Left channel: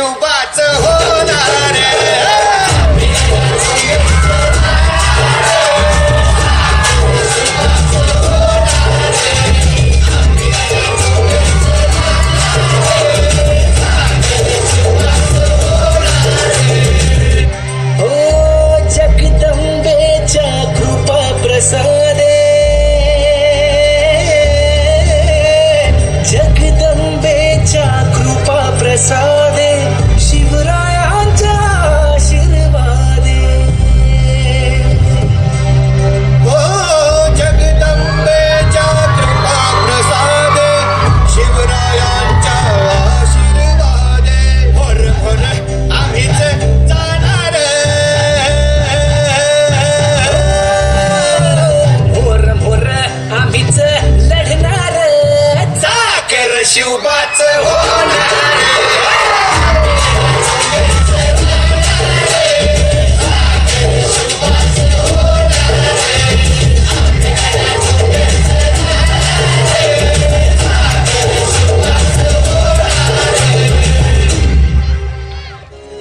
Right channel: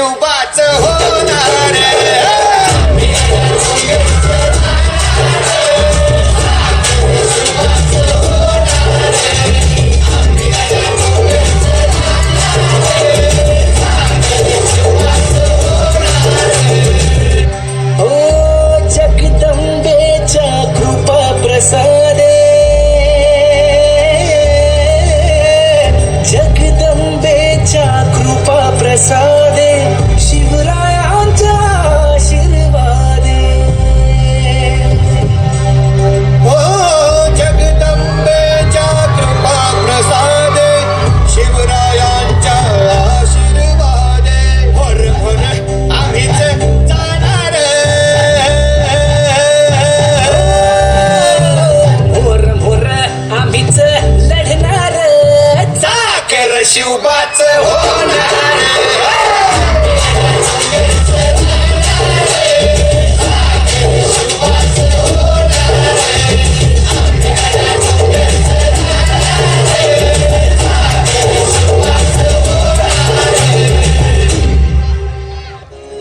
शिवबाच होणार जगदंबेच्या कृपा प्रसादे शिवरायांच्या आशीर्वादे हो जगदंबेच्या कृपा प्रसादे शिवरायांच्या आशीर्वादे भर भर आम्हीच जाणार भोर भोर आम्हीच लढणार चाकर शिवबाच होणार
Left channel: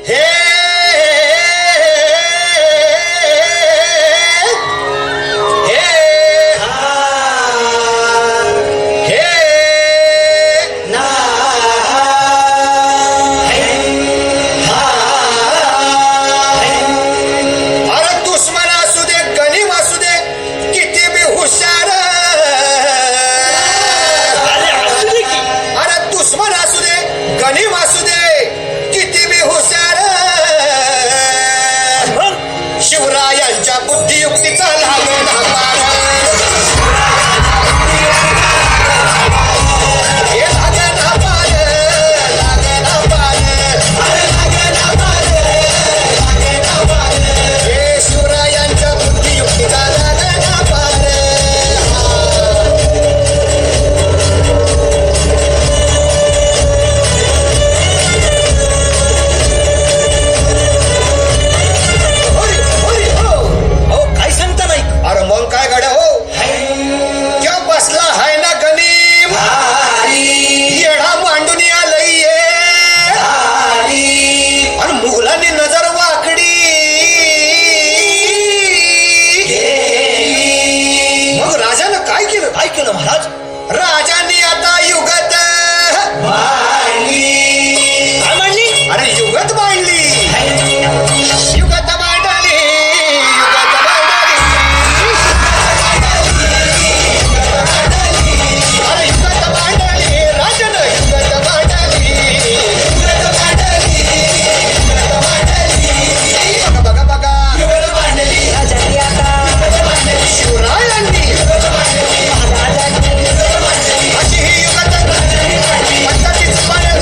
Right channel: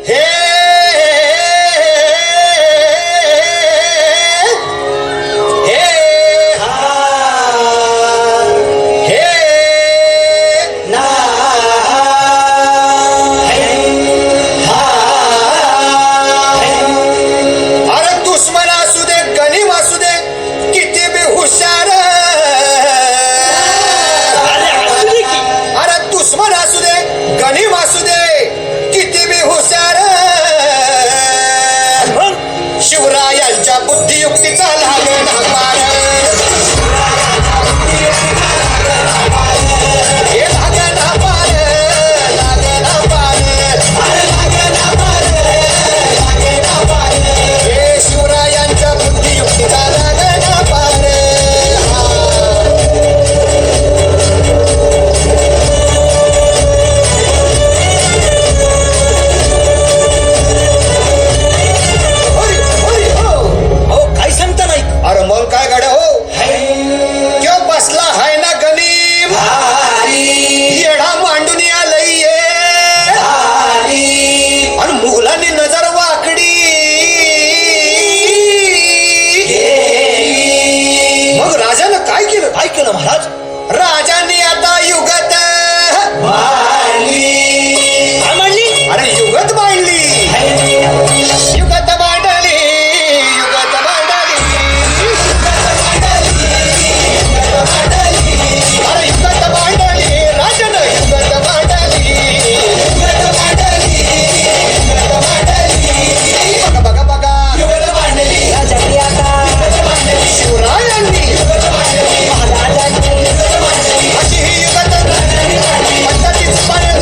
हे अरे दुश्मन असू दे गणिम असू दे किती बी हुशार अरे दुश्मन असू दे गणिम असू दे किती बी हुशार शिवरायांच्या बुद्धियुक्तीचा लागण पार हे लागण पार लागण पार हे शिवरायांच्या बुद्धियुक्तीचा लागण पार काय सांगता नाही अरे मग काय गाड्या हो त्यो बसला हाय ना गणिम येडा मांडून आलंय आणि मुघलांनी नजर वाकडी मग राजानं काय केलं महाराज राजांनी आता युगत काय म्हणली अरे युगत बांधली युगत बांधली युगत बांधली अरे युगत बांधली राजानं युगत बांधली बघा बघा बघा राजांनी आता शिवरायांनी अशी ही युगत पद्धतीच पाण्यात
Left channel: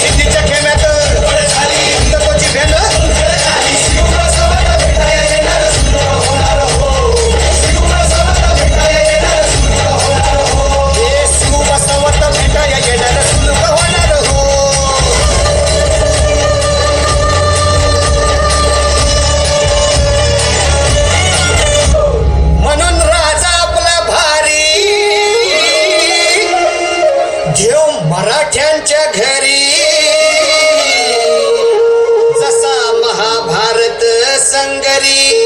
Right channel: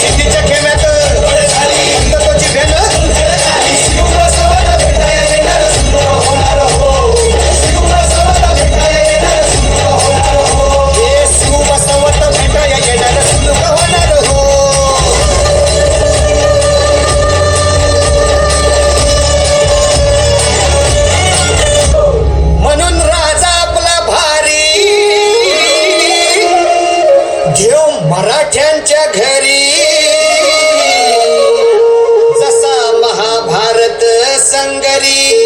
सिद्धीच्या खेम्यात अंतकोची भेट हे शिवबसवत भेटाया येणार सुलभ होणार हो म्हणून राजा आपला भारी घेऊ मराठ्यांच्या घरी जसा महाभारत संगरी